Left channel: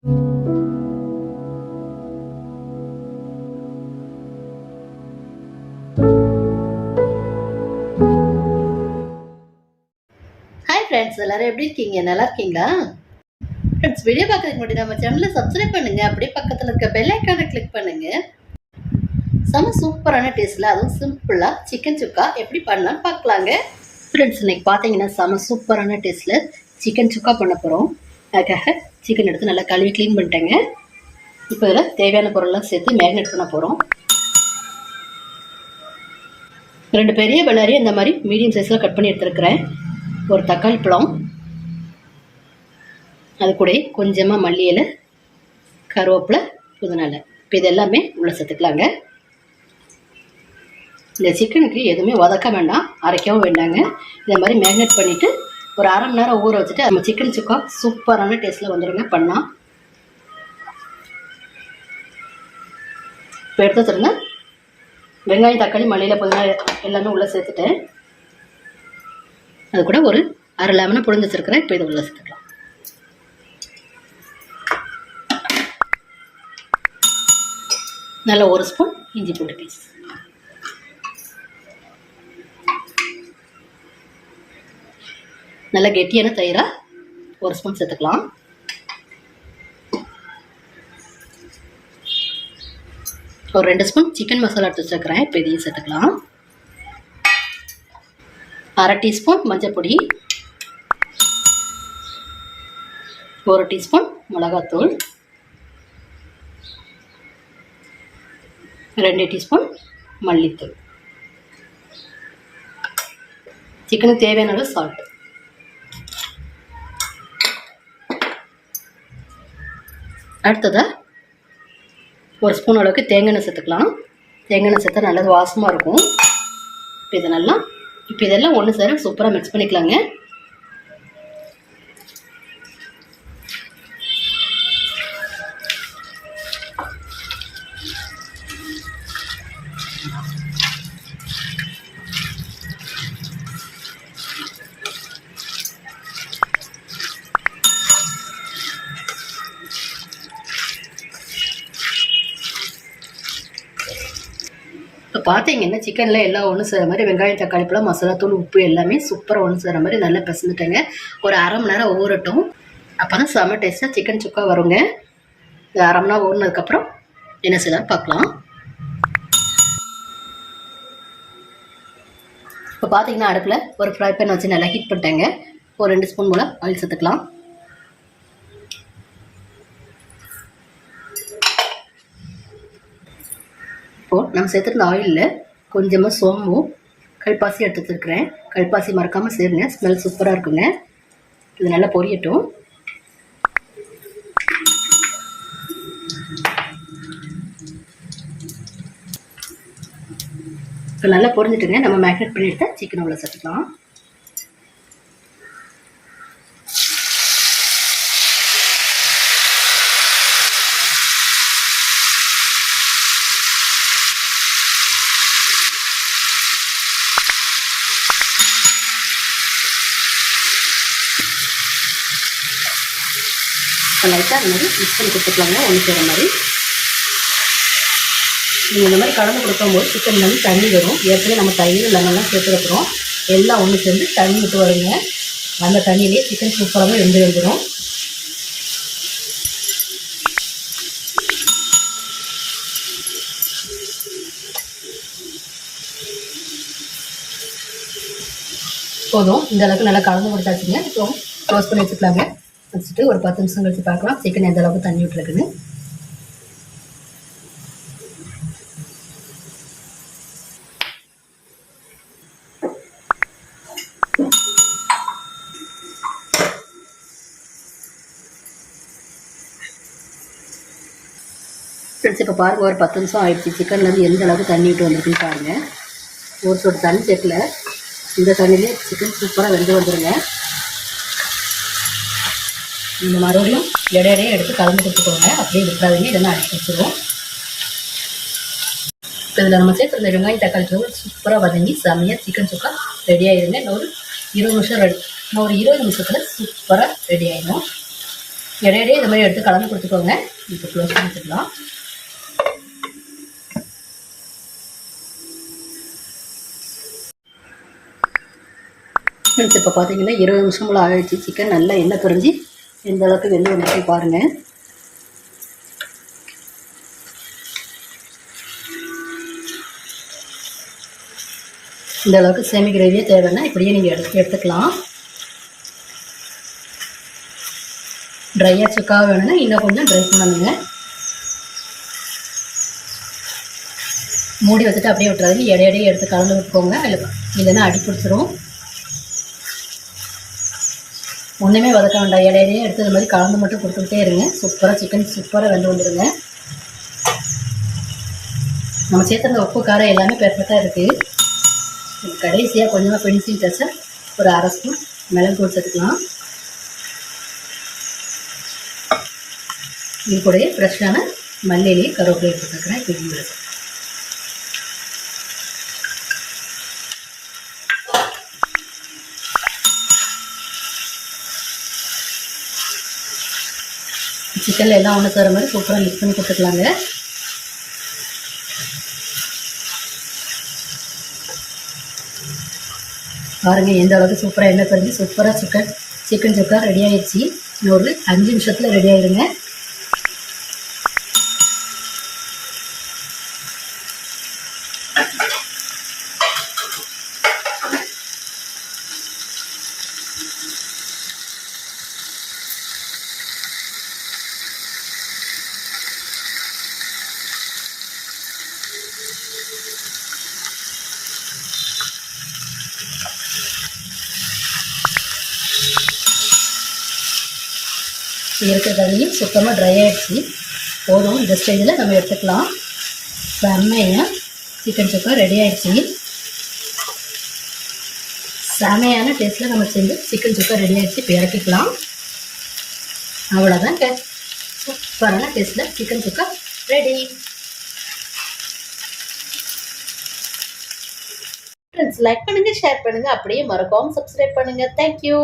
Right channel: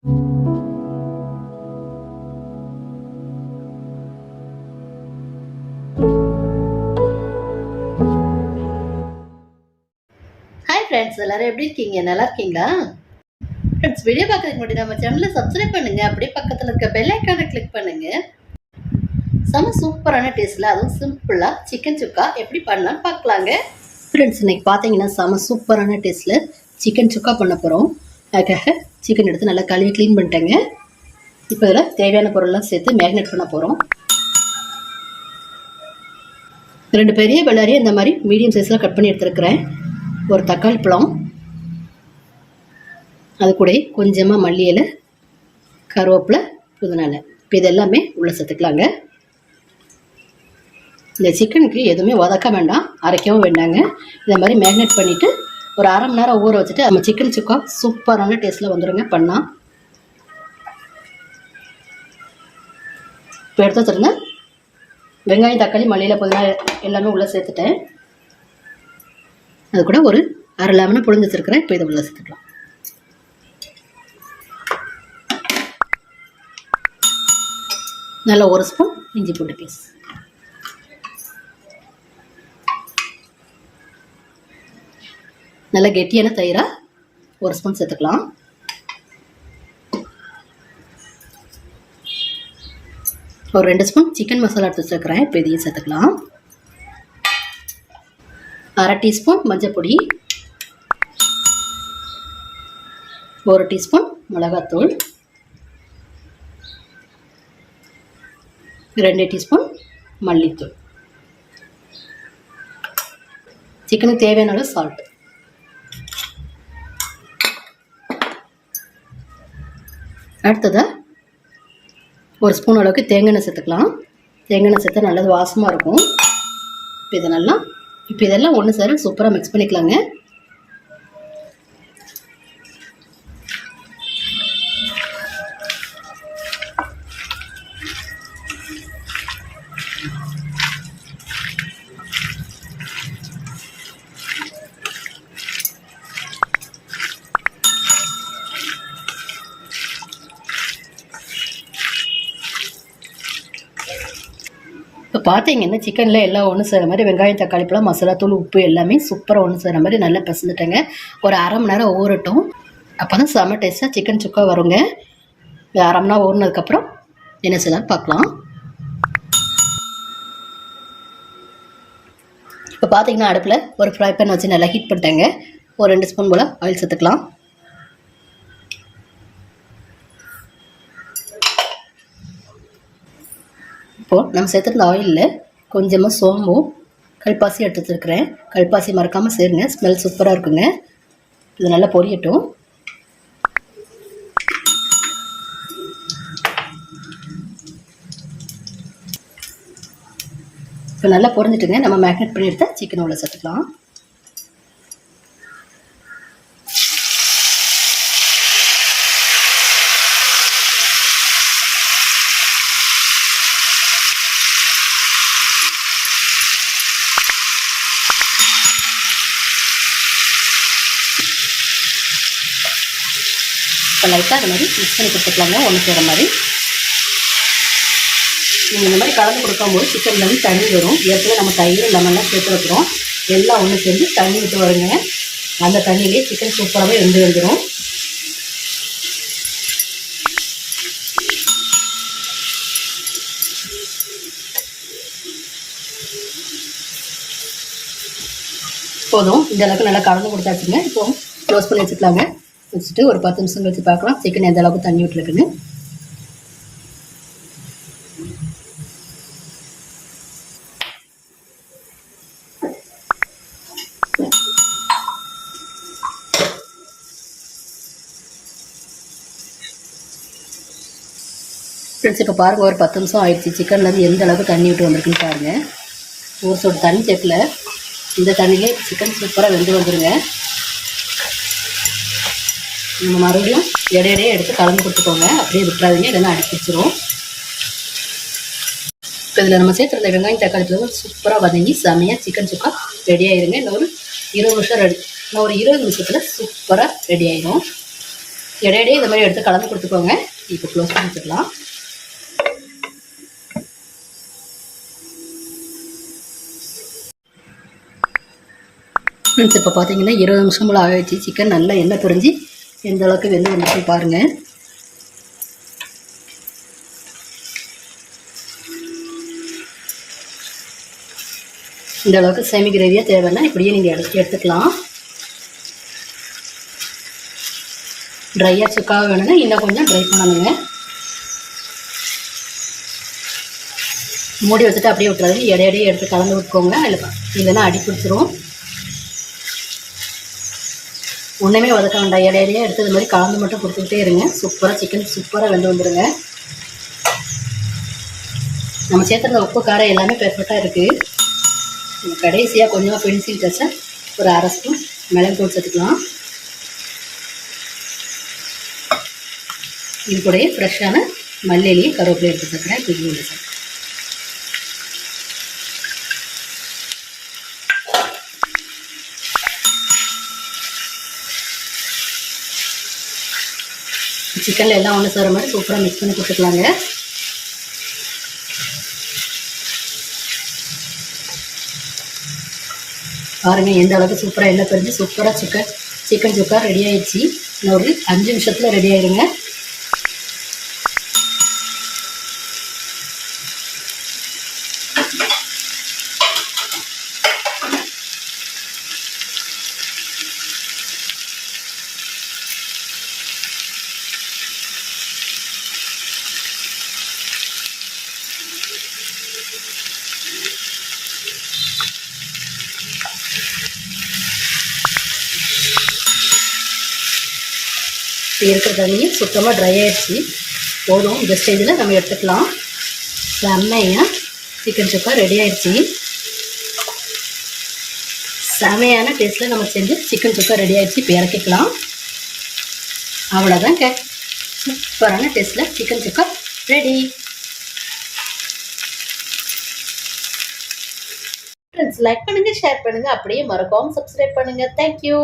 Hi friends, எல்லாரும் எப்படி இருக்கீங்க? நல்லா இருக்கீங்களா? ஃப்ரெண்ட்ஸ், வீடியோ பார்க்கறதுக்கு முன்னாடி நம்ம சேனலை சப்ஸ்கிரைப் பண்ணுங்க. அப்படியே பக்கத்தில் இருக்க பெல் ஐக்கானை கிளிக் பண்ணுங்க. செம சூப்பரான டேஸ்ட்ல, அதுவும் சிம்பிளா சிக்கன் சுக்கா எப்படி பண்ணலாம்னு பார்க்கலாங்க. ஃப்ரெண்ட்ஸ், இன்னைக்கு பார்த்தீங்கன்னா செம சூப்பரான டேஸ்ட்ல சிக்கன் சுக்கா பண்ண போகிறோம். அதுக்காக சிக்கன் எடுத்து நல்லா கழுவி க்ளீன் பண்ணிட்டேங்க. இப்போ இதில் தேவையான பொருள்லாம் சேர்த்து மேரினேட் பண்ண போகிறோம். 2 பெரிய வெள்ளாரியை இந்த மாதிரி மீடியம் சைஸில் கட் பண்ணி எடுத்துருக்கிறேன். ஒரு தக்காளி பழம், அது கூட கொஞ்சமாக மல்லி இலை, கருவேப்பிலை, புதினா இலை. இப்போ இது எல்லாமே உள்ள சேர்த்துக்கலாங்க. இந்த சிக்கனுக்கு எதுவுமே வதக்க வேண்டாம், அரைக்கவும் வேண்டாங்க. இந்த மாதிரி மேரினேட் பண்ணிவிட்டு ஒரு அரை மணி நேரம் ஊற வச்சுட்டு நம்ம சிக்கன் சுக்கா சூப்பரான டேஸ்ட்டில் வந்துடுங்க பண்ணால். இப்போ எடுத்து வச்சுருங்க. வெங்காயம், தக்காளி, மல்லியில் புதினா எல்லாமே உள்ளே சேர்த்துட்டேன். அது கூட ஒரு அரை லெமனை புழிஞ்சு வச்சுருக்கிறேன். இப்போ இதை உள்ளே சேர்த்துக்கலாம். நல்லா 1 ஸ்பூன் இஞ்சி பூண்டு பேஸ்ட், நல்லா கெட்டியான தயிரா 1 ஸ்பூன் சேர்த்துக்கலாம். ஒரு 2 ஸ்பூன் சிக்கன் மசாலா எடுத்து வச்சுருக்கிறேன். இப்போ இதையும் சேர்த்துக்கலாம். அரை டீஸ்பூன் மஞ்சள் பொடி, 1 டீஸ்பூன் மிளகாத்தூள், 2 டீஸ்பூன் மல்லித்தூள், சிக்கனுக்கு தேவையான அளவு சால்ட். அடுத்ததாக 1 ஸ்பூன் அளவுக்கு தேங்காய் எண்ணெய் சேர்த்துக்கலாம். தேங்காய் எண்ணெய் சேர்த்தா நல்லது வாசமாக இருக்கும். இப்போ இதெல்லாம் ஒன்று சேர சூப்பராக மிக்ஸ் பண்ணிக்கலாங்க. இப்போ பார்த்தீங்கன்னா சிக்கனில் எல்லாம் ஒன்று சேர மாதிரி வெங்காயம், தக்காளி பழம், மசாலா தூள், உப்பு எல்லாமே சூப்பராக ஒன்று சேர மாதிரி நல்லா பிசைஞ்சிட்டேங்க. ஒரு அரை மணி நேரம் ஊறட்டும். அப்போ தான் செம்ம டேஸ்ட்டாக சிக்கன் சுக்கா வருங்க. அரை மணி நேரம் ஊறினதுக்கப்புறம் என்ன செய்யலாம்னு பார்க்கலாம். இப்போ பார்த்தீங்கன்னா அடுப்பில் ஒரு ஃப்ரை பேன் வச்சு நல்லா ஹீட் பண்ணிட்டேங்க. ஒரு 2 ஸ்பூன் போல் ஆயில் சேர்த்துக்கலாம். இப்போது நம்ம சேர்த்துருந்த ஆயிலில் கொஞ்சமாக சோம்பும் கல்பாசி எடுத்து வச்சுருக்கிறேன். கல்பாசி மறக்காமல் சேருங்க, ஸ்மெல் சூப்பராக இருக்குங்க. இது நல்லா பொரியட்டும். இப்போ நல்லா பொரிஞ்சிட்டுங்க. நம்ம மேரினேட் பண்ணி எடுத்தால் சிக்கன் உள்ள சேர்த்துக்கலாம். இப்போ லைட்டாக அந்த மாதிரி மிக்ஸ் பண்ணி கொடுத்துக்கலாங்க, ஒன்று செய்கிற மாதிரி. நீங்கள் இந்த மாதிரி கலந்து கொடுக்கும்போது சிக்கன் வந்து தண்ணி வரும். ஏற்கனவே நம்ம தயிர் லெமன்லாம் சேர்த்து வைக்கிறோம். எல்லாம் ஒன்று சேர்ந்து தண்ணி விட்டு வருங்க. அந்த தண்ணியிலே சிக்கன் சூப்பராகவே வந்துடும். போதும், இந்த அளவுக்கு நல்லா கலந்து கொடுத்தாச்சுங்க. இப்போ க்ளோஸ் பண்ணி வச்சுக்கலாங்க. வச்சுட்டு ஒரு 10 நிமிஷம் கழிச்சு பார்க்கலாம் சிக்கன் எந்த அளவுக்கு தண்ணி விட்டுருக்குன்னு. ஃப்ரெண்ட்ஸ், இப்போ பாருங்கள், ஒரு 10 நிமிஷம் ஆயிடுச்சு. சிக்கன்லேருந்து எந்த அளவுக்கு தண்ணி விட்டு வந்திருக்குன்னு பாருங்கள். ஒரு சொட்டு தண்ணி சேர்க்கல, இந்த தண்ணியிலே சிக்கன் சூப்பராக வெந்து வந்துடுங்க. நம்ம மறுபடியும் இடையிடையே எடுத்து கலந்து கொடுத்துக்கோங்க. அப்படியே விட்டுறாதீங்க, இல்லைன்னா அடிச்சிடும். இப்போ இதில் நம்ம சேர்த்துருந்த வெங்காயம், தக்காளி சூப்பராக வதங்கி செமையாக சிக்கன் சுக்கா ரெடி ஆயிருங்க. இன்னொரு 20 நிமிஷம் இன்னும் ஒரு 20 நிமிஷத்தில் சூப்பராக ரெடி ஆயிடும். இடையிடையே இந்த மாதிரி எடுத்து கலந்து கொடுத்துக்கோங்க. இப்போ க்ளோஸ் பண்ணி வச்சுக்கலாம். ஃப்ரெண்ட்ஸ் இப்போ பார்த்தீங்கன்னா 20 நிமிஷம் போல் ஆகிடுச்சு. சிக்கன் நல்லா எண்ணெய் பிரிஞ்சு எந்த அளவுக்கு வெந்து வந்துச்சு பாருங்கள். இந்த அளவுக்கு செமி கிரேவியாக தேவைன்னா இப்படியே நீங்கள் எடுத்துக்கலாம். ட்ரையாக சுக்காக வேணும்னா இன்னும் கொஞ்சம் ட்ரை பண்ணணுங்க. மூடி வச்சுட்டு அப்படியே விட்டுறாது, இடையிடையே எடுத்து கலந்து விட்டுக்கோங்க. இல்லைன்னா அடி பிடிச்சிரும். ஒன்றுமே வதக்க வேண்டாம், இடையிடையே எடுத்து இது மாதிரி கலந்து மட்டும் கொடுத்துக்கிட்டே இருங்க. சூப்பராக சிக்கன் சூப்பராக வெந்து வந்துடுங்க. நம்ம சேர்த்துருந்த உப்பு காரம் எல்லாமே பெர்ஃபெக்டாக இருக்குது. கடைசியாக கொஞ்சமாக பென்சில் டச்சை ஒரு அரை ஸ்பூன் மிளகு தூள் சேர்த்துக்கலாம். இது கூடயே ஃப்ரெஷ்ஷான மல்லியிலையும் கருவேப்பிலை எடுத்து சேர்க்குறேன். இப்போ இது சிக்கனில் எல்லாம் ஒன்று சேர மாதிரி சூப்பராக மிக்ஸ் பண்ணி கொடுத்துக்கலாங்க. பாருங்கள் எந்த அளவுக்கு சூப்பராக எண்ணெய் பிரிஞ்சு சூப்பராக சிக்கன் சுக்கா ரெடி ஆகிடுச்சு. இன்னொரு 5 நிமிஷத்தில் ரெடி ஆகிடுங்க. இருக்கிற தண்ணியும் சுத்தமாக ட்ரை ஆகிடுச்சு. போதும், இந்த ஸ்டேஜில் நம்ம எடுத்துக்கலாம். செம்மையாக சிக்கன் சுக்கா ரெடி ஆகிடுச்சு. செமையான டேஸ்ட்டில் நம்ம செஞ்சு சிக்கன் சுக்கா ரெடி ஆகிடுச்சு. இப்போ இறக்கிக்கலாம். அவ்வளோதாங்க, சூப்பரான டேஸ்ட்டில் சிக்கன் சுக்கா ரெடி. ஃப்ரெண்ட்ஸ் லைக் பண்ணுங்கள், ஷேர் பண்ணுங்கள், அப்படியே மறக்காமல் சப்ஸ்கிரைப் பண்ணுங்கள். தேங்க்யூ.